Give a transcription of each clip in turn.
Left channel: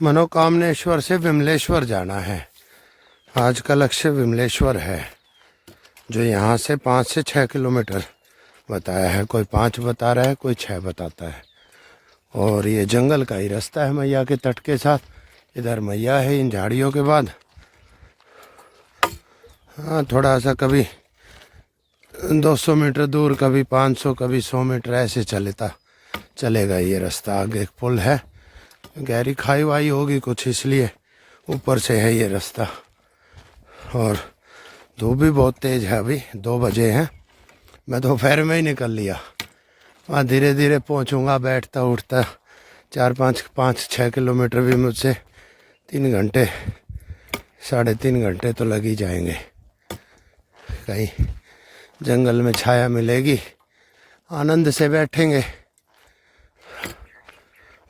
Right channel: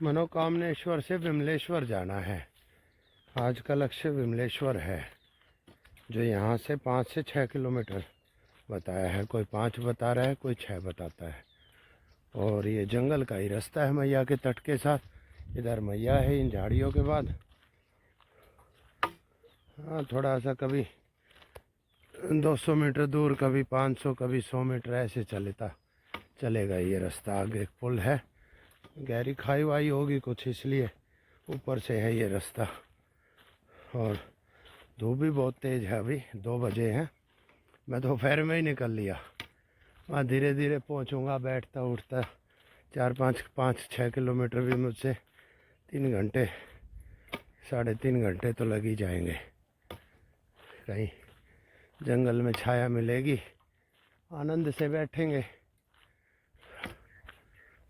मनोकामनेश्वर से विमलेश्वर जाना है। आज का लक्ष्य विमलेश्वर है, जो यहाँ से 5 से 6 किलोमीटर बताया है। कोई 5 बता रहा है, कोई 6 बताता है। और ये जंगल का ही रास्ता है मैया के तट के साथ। इधर मैया है इन झाड़ियों के बाद। हाँ, थोड़ा सा कभी 200 मीटर दूर, कभी 500, कभी 100 मीटर ऐसे चलेगा ये रास्ता। आगे एक पुल है, गहरी खाई वाई होगी कुछ, इसलिए ऊपर से है ये रास्ता। और धूप भी बहुत तेज़ है। अभी 2 बजे हैं। मैं दोपहर में ही निकल लिया। वहाँ धीरे धीरे पहुँचूँगा, बैठता उठता 4-5-6 किलोमीटर भी मुझसे 3 घंटे 3.5 घंटे तो लग ही जाएंगे। कहीं जंगल में छाया मिलेगी, आनंद से बैठेंगे,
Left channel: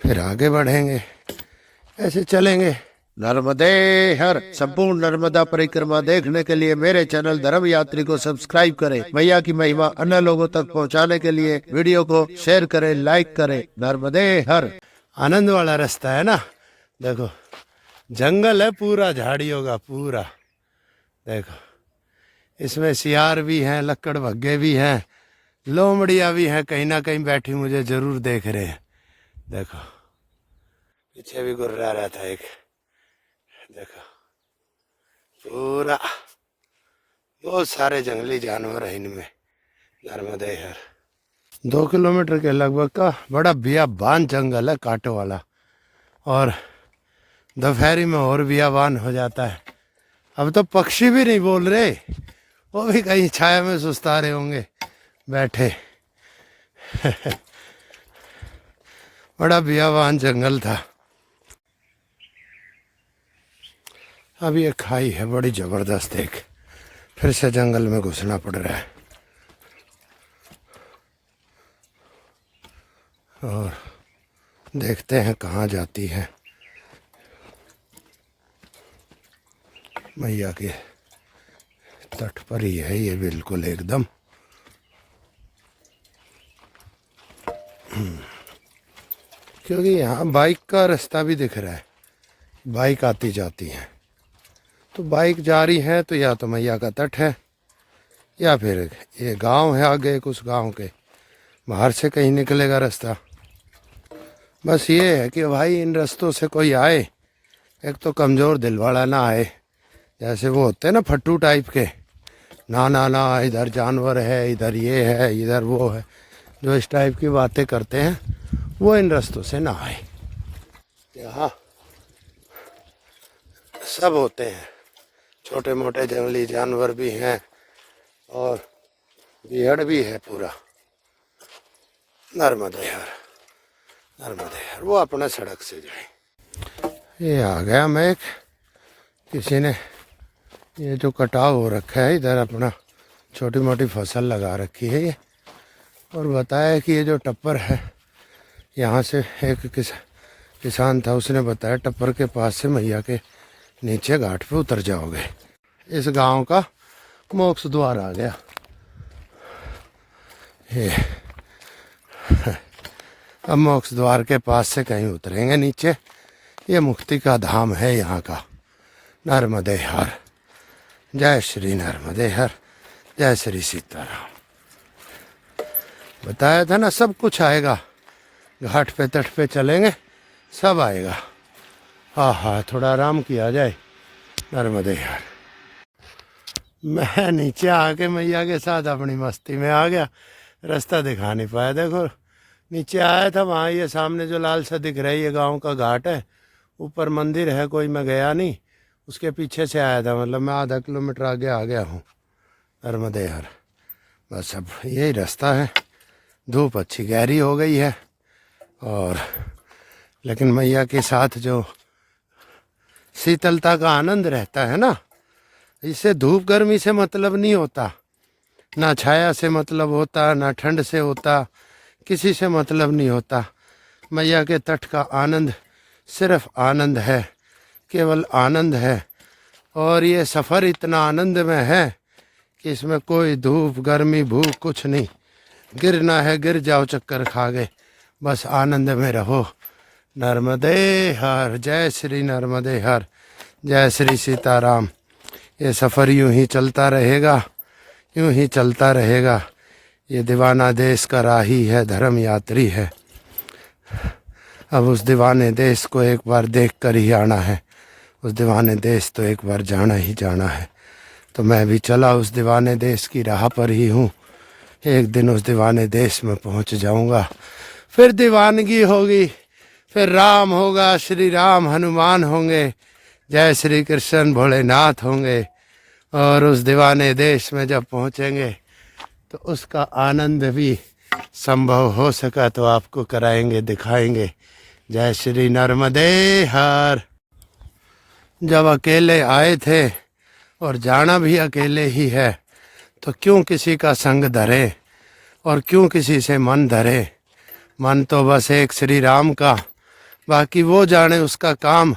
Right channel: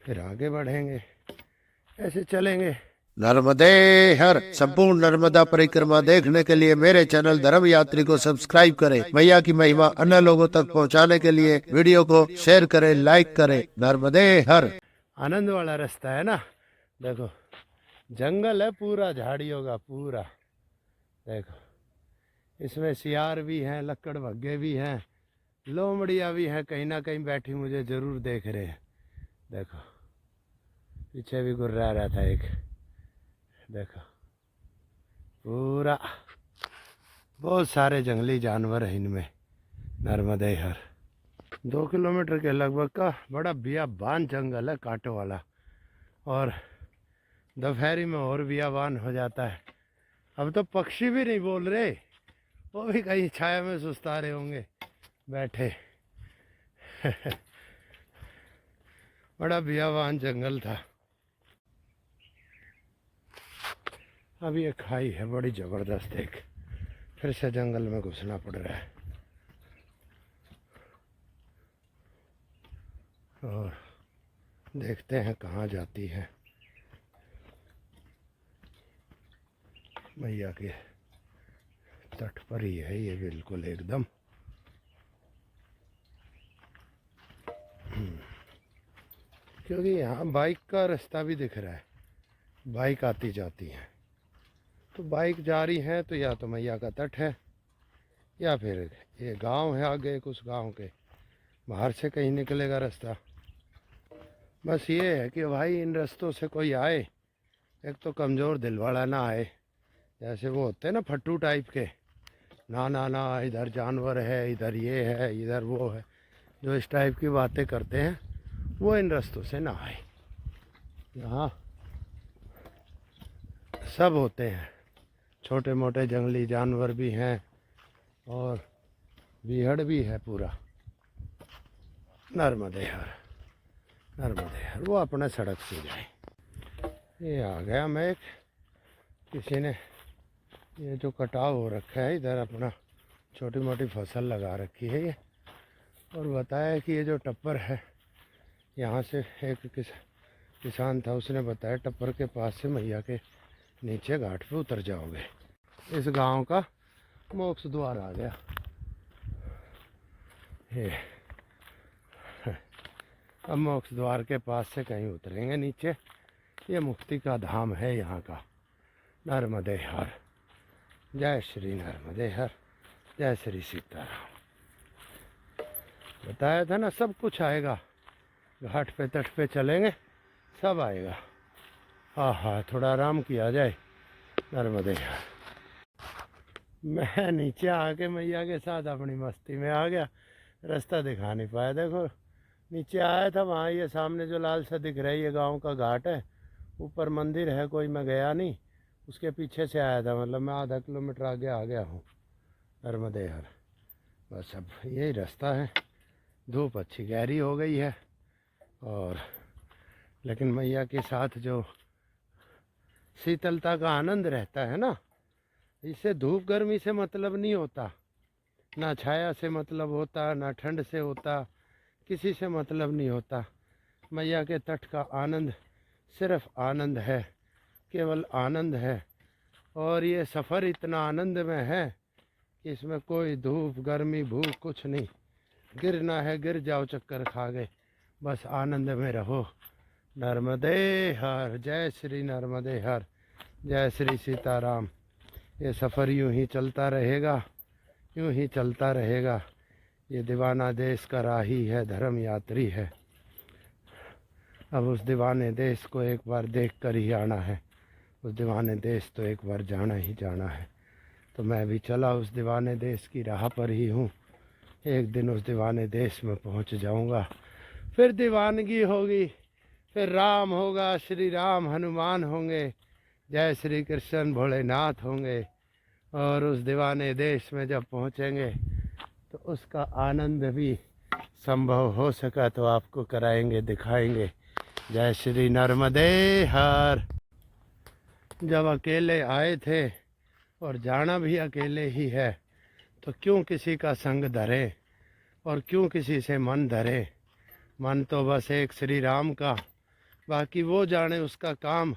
फिर आगे बढ़ेंगे, ऐसे चलेंगे। नर्मदे हर। संपूर्ण नर्मदा परिक्रमा देखने के लिए मेरे चैनल धर्म यात्री को सब्सक्राइब करें। मैया की महिमा अन्य लोगों तक पहुंचाने के लिए वीडियो को शेयर करें, लाइक करें। नर्मदे हर। आनंद वाला रास्ता है ना। देखो जंगल है पूरा, झाड़ियों का पूरा। देखो इसमें सियार भी हैं, लक्कड़ भग्गे भी हैं, लोमड़ियाँ भी हैं, कहीं ना कहीं बैठी मुझे ज़रूर देख रहे हैं। देखो पीछे भी गुर्रा रहा था एक। देखो पूरा बहुत सारे जंगली जानवर हैं इनमें। नर्मदे हर 2 किलोमीटर के लगभग का बड़ा बियाबान जंगल है, कांटों वाला। और दोपहरी में और बियाबान हो जाता है। अब तो पक्षी भी नहीं बोल रहे, वो भी कहीं छाया में सुस्ता रहे होंगे बैठे। बड़ा बियाबान जंगल था। अब ये खाई है बड़ी ज़बरदस्त एक, फिर से जंगल में घुसना पड़ रहा है। और देखते हैं कहाँ जाती है। मैया के तट पर ही है ये, बिल्कुल एकदम। क्योंकि यहाँ बाइक का रास्ता भी दिख रहा है, बाइक आती जाती है। तो बाइक जा रही है तो या तो मैया का तट है, या फिर ये गांव है आगे, कुछ गांव के बाहर से कहीं निकलेगा रास्ता। बस ये है कि भाई इन रास्तों से कोई आए, एक तो कमज़ोर दिल वाला ना आए, जैसे वो होते हैं ना फट्टू टाइप के। ना ना ना, इधर जानवर है, इधर ये है, इधर वो है, जो इस टाइप की बातें करते हैं, वो इन रास्तों से ना आए। यहाँ सब होते हैं, छोटे मोटे जंगली जानवर भी हैं और भीड़ भी है पूरा। नर्मदे हर, नर्मदे हर। वो अपने सड़क से जाए। ये आ गया मैं एक, किसी ने ये जो कटाव हो रखा है इधर, अपना छोटी मोटी फसल लगा रखी है ये। और बताया कि ये जो टप्पर है, यहाँ से एक किसान था, उसने बताया टप्पर के पास से मैया के नीचे घाट पे उतर जाओगे। इस गांव का मोक्ष द्वार आ गया ये। अब मोक्ष द्वार के पास से कहीं उतरेंगे नीचे। ये मुक्ति का धाम है यहाँ का। नर्मदे हर। जय श्री नर्मदे हर, जय श्री सीताराम। बताया था ना सब कुछ आएगा, घाट पे तट पे चलेंगे सब आएगा। हाँ हाँ, थोड़ा आराम किया जाए। नर्मदे हर। मैं नीचे आके मैया के साथ अपनी मस्ती में आ गया, रास्ता दिखा नहीं पाया। देखो नीचे आया था, वहाँ ये सामने जो लाल सा दिख रहा है ये गांव का घाट है। ऊपर मंदिर है कोई, मैं गया नहीं, उसके पीछे से आया था। मतलब मैं आधा किलोमीटर आगे आ गया हूँ। नर्मदे हर। बस अब यही रास्ता है। धूप अच्छी गहरी हो गई है, और लेकिन मैया के साथ जो शीतलता का आनंद रहता है ना, इससे धूप गर्मी से मतलब नहीं होता, ना छाया से मतलब होता, ना ठंड से होता, किसी से मतलब नहीं होता। मैया के तट का आनंद सिर्फ आनंद है, केवल आनंद है। और ये सफ़र इतना आनंद में है कि इसमें कोई धूप गर्मी भूख कुछ नहीं। गिरना है गिर जाओ चक्कर खा गए, बस आनंद में रहो। नर्मदे हर, जय श्री नर्मदे हर, जय श्री सीताराम। ये सफ़र यूं ही चलता रहेगा, यूं ही चलता रहेगा। ये दीवाना देश का राही है, धर्म यात्री है। अब उस दीवाने देश को एक बार देख कर ही आना है, उस दीवाने देश तो एक बार जाना ही जाना है। तो मैं भी चला उस दीवाने देश की राह पर ही हूँ। एक दिन उस दीवाने देश में पहुँच जाऊँगा, फिर दीवानगी होगी, फिर राम होगा, श्री राम हनुमान होंगे, जय श्री कृष्ण भोलेनाथ होंगे। और उस दीवाने देश में जब पहुँचेंगे तो उसका आनंद भी संभव हो सका तो आपको कराएंगे, दिखाएंगे। जय श्री नर्मदे हर। जब अकेले आए थे और जाना भी अकेले ही है, तो क्यों किसी का संग धरे और क्यों किसी से मन धरे। मन तो बस एक श्री राम का, बाकी वो जाने उसका काम।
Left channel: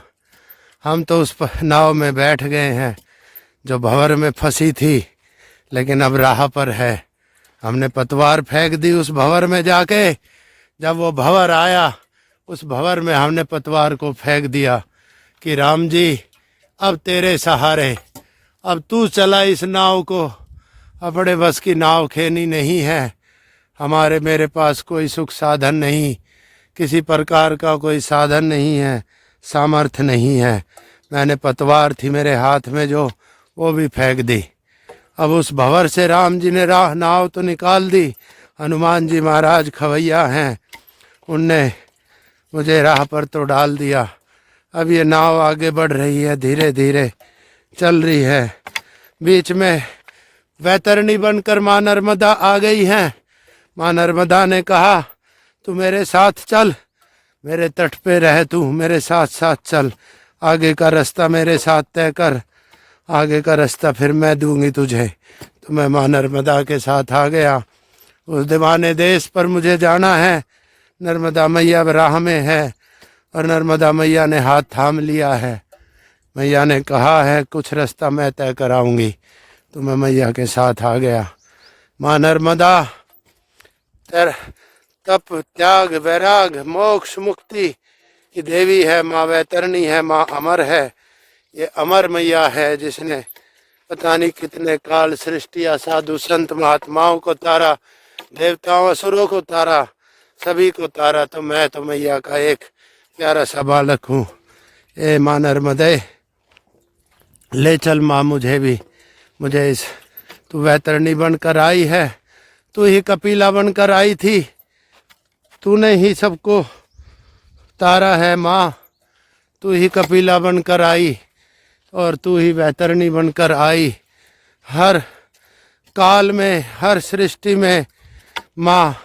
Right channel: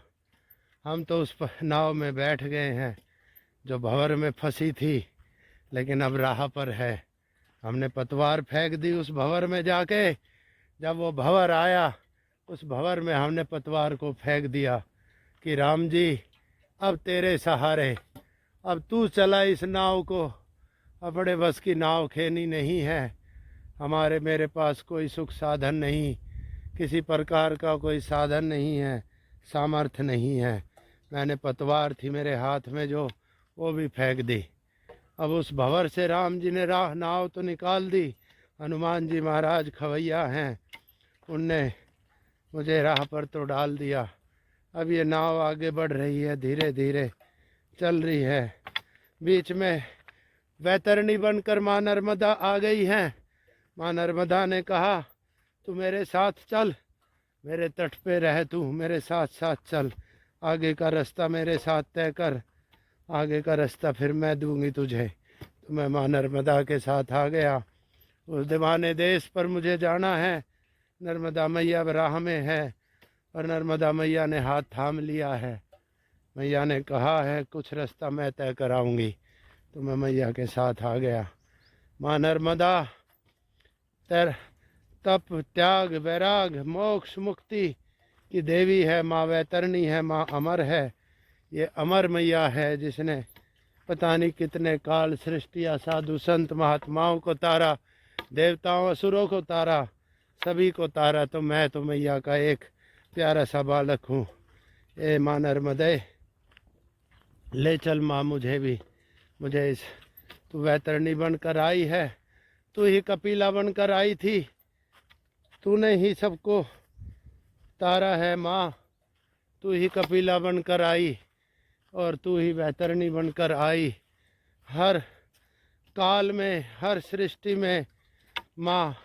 हम तो उस नाव में बैठ गए हैं जो भंवर में फंसी थी, लेकिन अब राह पर है। हमने पतवार फेंक दी उस भंवर में जाके। जब वो भंवर आया, उस भंवर में हमने पतवार को फेंक दिया कि राम जी अब तेरे सहारे, अब तू चला इस नाव को। अपने बस की नाव खेनी नहीं है। हमारे मेरे पास कोई सुख साधन नहीं, किसी प्रकार का कोई साधन नहीं है, सामर्थ्य नहीं है। मैंने पतवार थी मेरे हाथ में जो, वो भी फेंक दी। अब उस भंवर से राम जी ने नाव तो निकाल दी। हनुमान जी महाराज खवैया हैं, उनने मुझे राह पर तो डाल दिया। अब ये नाव आगे बढ़ रही है, धीरे धीरे चल रही है। बीच में वैतरणी बनकर माँ नर्मदा आ गई हैं। माँ नर्मदा ने कहा तू मेरे साथ चल, मेरे तट पे रह, तू मेरे साथ साथ चल, आगे का रास्ता मेरे साथ तय कर, आगे का रास्ता फिर मैं दूंगी तुझे। तो मैं माँ नर्मदा के साथ आ गया। उस दीवाने देश पर मुझे जाना है। नर्मदा मैया राह में है और नर्मदा मैया ने हाथ थाम लिया है। मैया ने कहा है कुछ रास्ता मैं तय कराऊंगी। तो मैं मैया के साथ आ गया। माँ नर्मदा तप त्याग वैराग मोक्ष मुक्ति की देवी है, माँ वैतरणी है, माँ अमर है। ये अमर मैया है जिसने पता नहीं कितने काल सृष्टिया, साधु संत महात्माओं को तारा, देवताओं असुरों को तारा, सभी को तारा। तो मैं तो मैया का एक प्यारा सा बालक हूँ। ए माँ नर्मदे ले चल माँ मुझे भी, मुझे इस तू वैतरणी बनकर आई है, तू ही कपिला बनकर आई थी, तूने ही सबको तारा है माँ। तू ही कपिला बनकर आई और तू ही वैतरणी बनकर आई। हर काल में, हर सृष्टि में माँ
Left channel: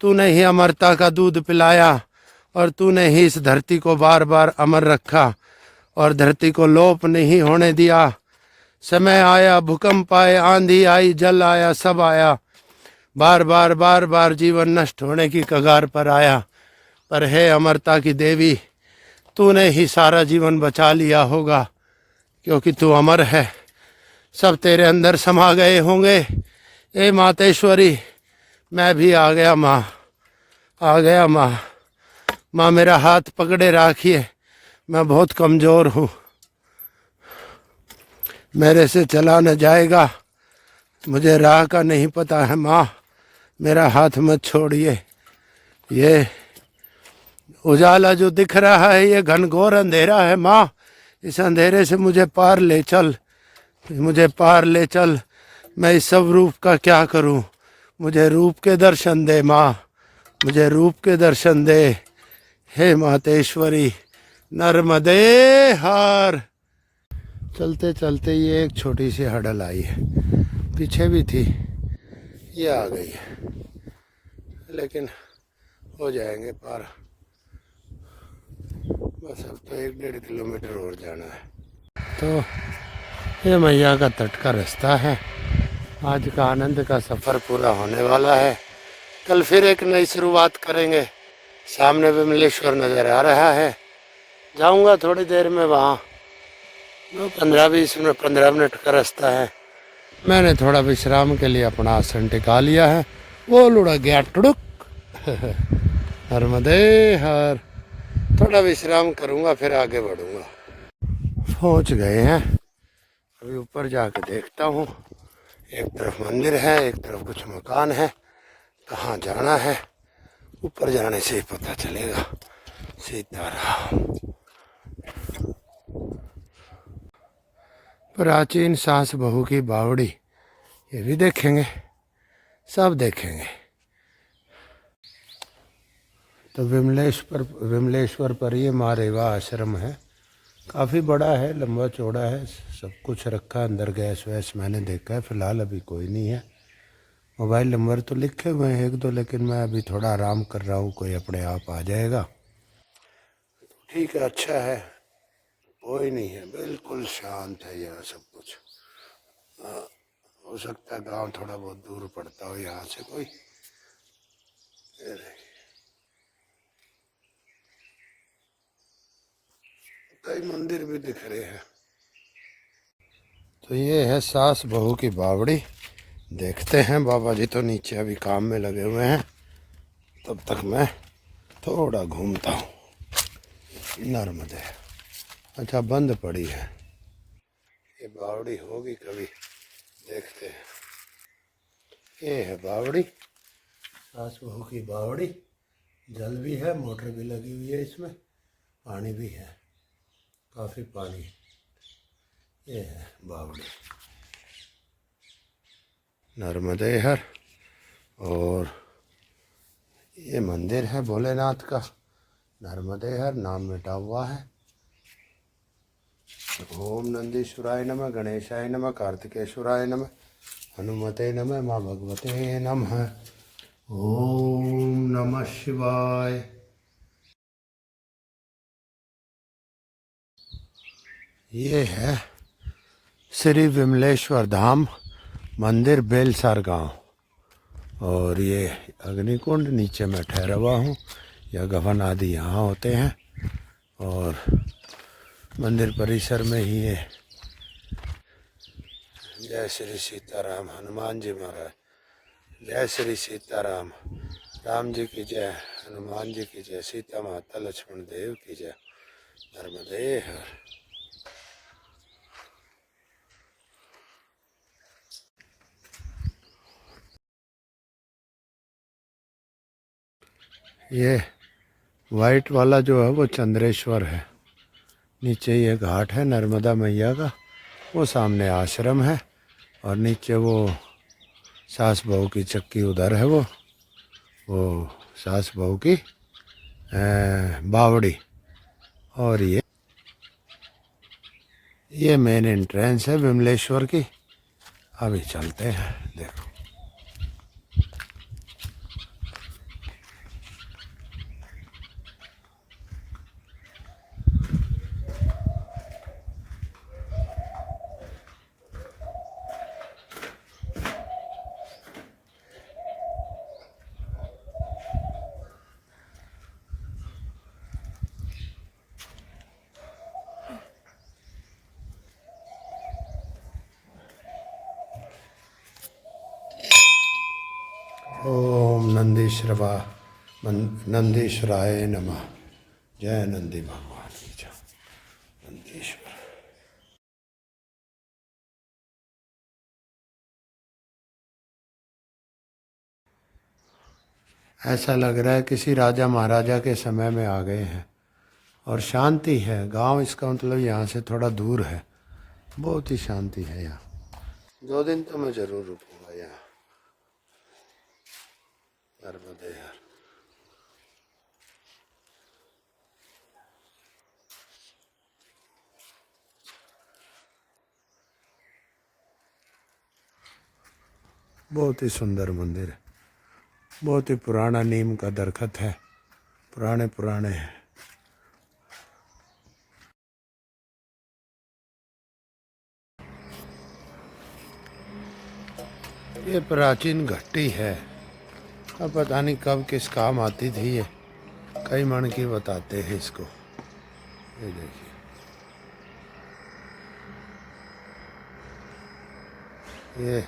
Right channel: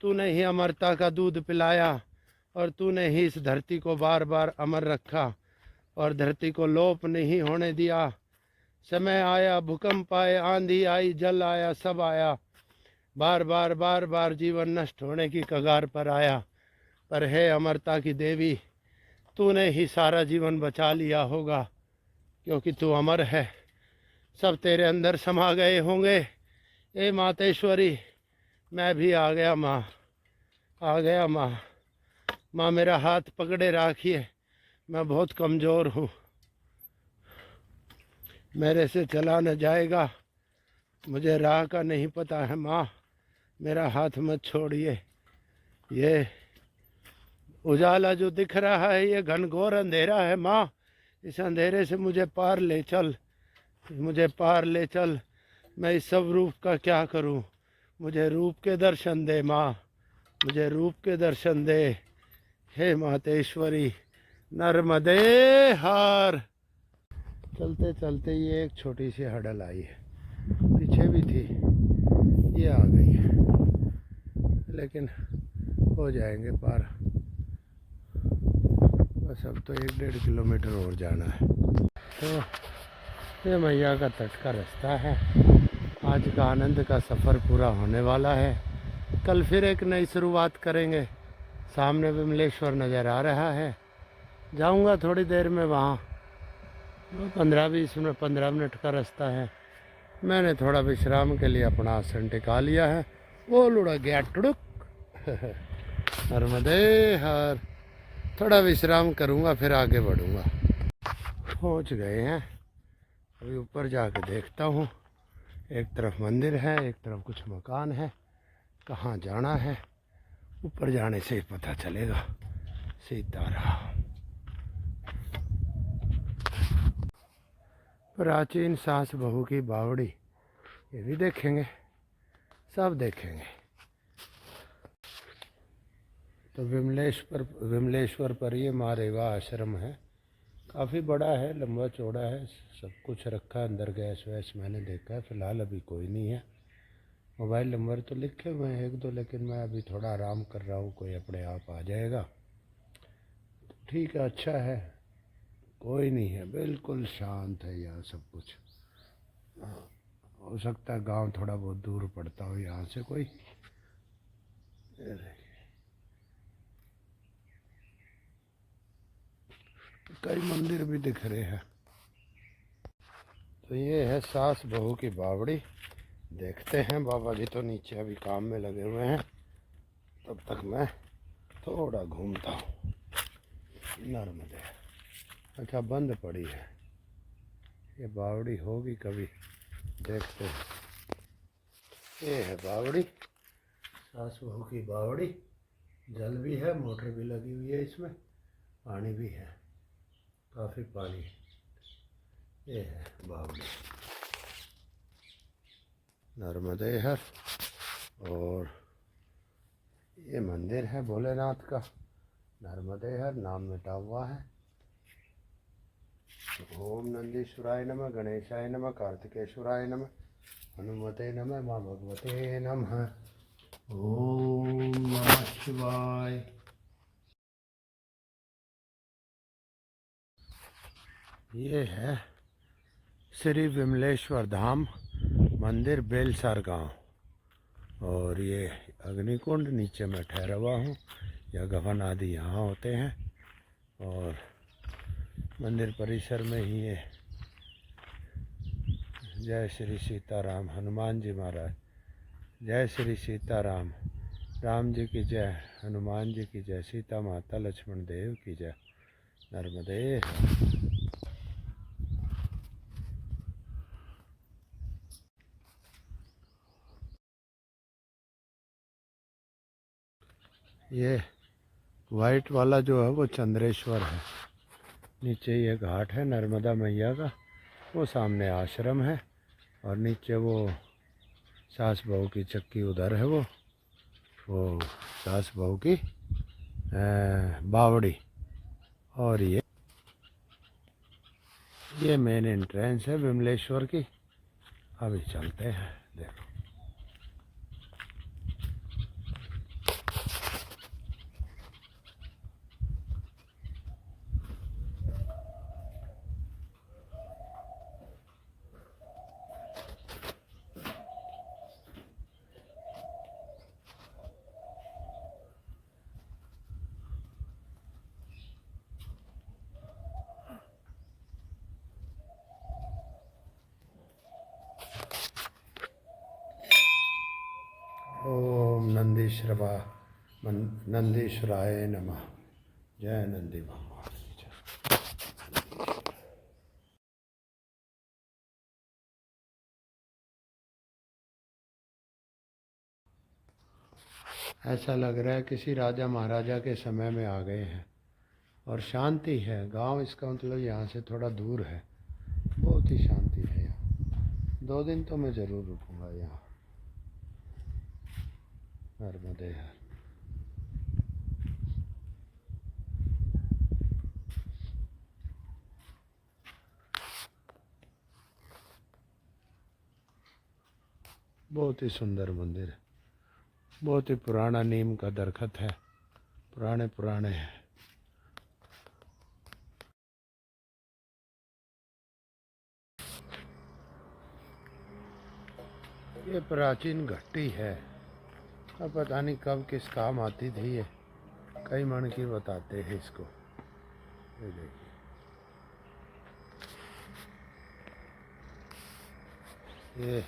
तूने ही अमरता का दूध पिलाया और तूने ही इस धरती को बार बार अमर रखा और धरती को लोप नहीं होने दिया। समय आया, भूकंप आए, आंधी आई, जल आया, सब आया, बार बार जीवन नष्ट होने की कगार पर आया। पर हे अमरता की देवी, तूने ही सारा जीवन बचा लिया होगा, क्योंकि तू अमर है। सब तेरे अंदर समा गए होंगे। ए मातेश्वरी मैं भी आ गया माँ, आ गया माँ। माँ मेरा हाथ पकड़े राखिए, मैं बहुत कमज़ोर हूँ, मेरे से चला न जाएगा, मुझे राह का नहीं पता है माँ, मेरा हाथ मत छोड़िए। ये उजाला जो दिख रहा है ये घनघोर अंधेरा है माँ, इस अंधेरे से मुझे पार ले चल, मुझे पार ले चल। मैं इस सब रूप का क्या करूँ, मुझे रूप के दर्शन दे माँ, मुझे रूप के दर्शन दे। हे मातेश्वरी नर्मदे हर। चलते चलते ये एक छोटी सी हडल आई है, पीछे भी थी, ये आ गई है, लेकिन हो जाएंगे पार। बस अब तो 1-1.5 किलोमीटर और जाना है। तो ये मैया का तट का रास्ता है। आज का आनंद का सफ़र पूरा होने वाला है। कल फिर एक नई शुरुआत करेंगे। सामने विमलेश्वर नज़र आ रहा है, जाऊंगा थोड़ी देर में वहाँ। 15 मिनट का रास्ता है। मैंने थोड़ा विश्राम के लिए अपना आसन टिका लिया है। वो लुढ़क गया टुड़ुक। नर्मदे हर। थोड़ा विश्राम करूँगा फिर आगे बढ़ूँगा। पहुँच गए हैं, अभी ऊपर जाके देखता हूँ। एक तरफ मंदिर है, एक तरफ कुछ मकान है। कहाँ जाना है ऊपर जाने से ही पता चलेगा। सीताराम। प्राचीन सास बहू की बावड़ी, ये भी देखेंगे, सब देखेंगे। तो विमलेश्वर पर ये माँ रेवा आश्रम है। काफ़ी बड़ा है, लंबा चौड़ा है, सब कुछ रखा है अंदर। गैस वैस मैंने देखा है, फ़िलहाल अभी कोई नहीं है। मोबाइल नंबर तो लिखे हुए हैं एक दो, लेकिन मैं अभी थोड़ा आराम कर रहा हूँ, कोई अपने आप आ जाएगा। ठीक है, अच्छा है, कोई नहीं है, बिल्कुल शांत है यहाँ सब कुछ। हो सकता है गांव थोड़ा बहुत दूर पड़ता हो यहाँ से कोई। ये देखिए, कई मंदिर भी दिख रहे हैं। तो ये है सास बहू की बावड़ी। देखते हैं, बाबा जी तो नीचे अभी काम में लगे हुए हैं, तब तक मैं थोड़ा घूमता हूँ। नर्मदे, अच्छा बंद पड़ी है ये बावड़ी, होगी कभी, देखते हैं। ये है बावड़ी, सास बहू की बावड़ी। जल भी है, मोटर भी लगी हुई है इसमें, पानी भी है, काफ़ी पानी है। ये है बावड़ी, नर्मदे हर। और ये मंदिर है भोलेनाथ का, नर्मदे हर नाम मिटा हुआ है। ओम नंदीश्वराय नमः, गणेशाय नमः, कार्तिकेश्वराय नमः, हनुमते नमः, माँ भगवते नमः। ओम नमः शिवाय। ये है श्री विमलेश्वर धाम मंदिर, बेलसार गांव। और ये अग्निकुंड, नीचे मैं ठहरा हुआ हूँ। यह गवन आदि यहाँ होते हैं। और मंदिर परिसर में ही ये जय श्री सीताराम, हनुमान जी महाराज, जय श्री सीताराम, राम जी की जय, हनुमान जी की जय, सीता माता लक्ष्मण देव की जय। नर्मदे हर। ये वाइट वाला जो है वो चंद्रेश्वर है। नीचे ये घाट है नर्मदा मैया का, वो सामने आश्रम है। और नीचे वो सास बहू की चक्की उधर है, वो सास बहू की बावड़ी। और ये मेन एंट्रेंस है विमलेश्वर की। अभी चलते हैं, देखो। ओम नंदीश्वराय नमः। जय नंदी भगवान की जय। नंदीश्वर। ऐसा लग रहा है किसी राजा महाराजा के समय में आ गए हैं। और शांति है, गांव इसका मतलब यहाँ से थोड़ा दूर है। बहुत ही शांति है यहाँ। 2 दिन तो मैं ज़रूर रुकूंगा यहाँ। नर्मदे हर। बहुत ही सुंदर मंदिर है, बहुत ही पुराना नीम का दरखत है, पुराने पुराने हैं। ये प्राचीन घट्टी है, अब पता नहीं कब किस काम आती थी ये। कई मन की बताते हैं इसको। ये देखिए, ये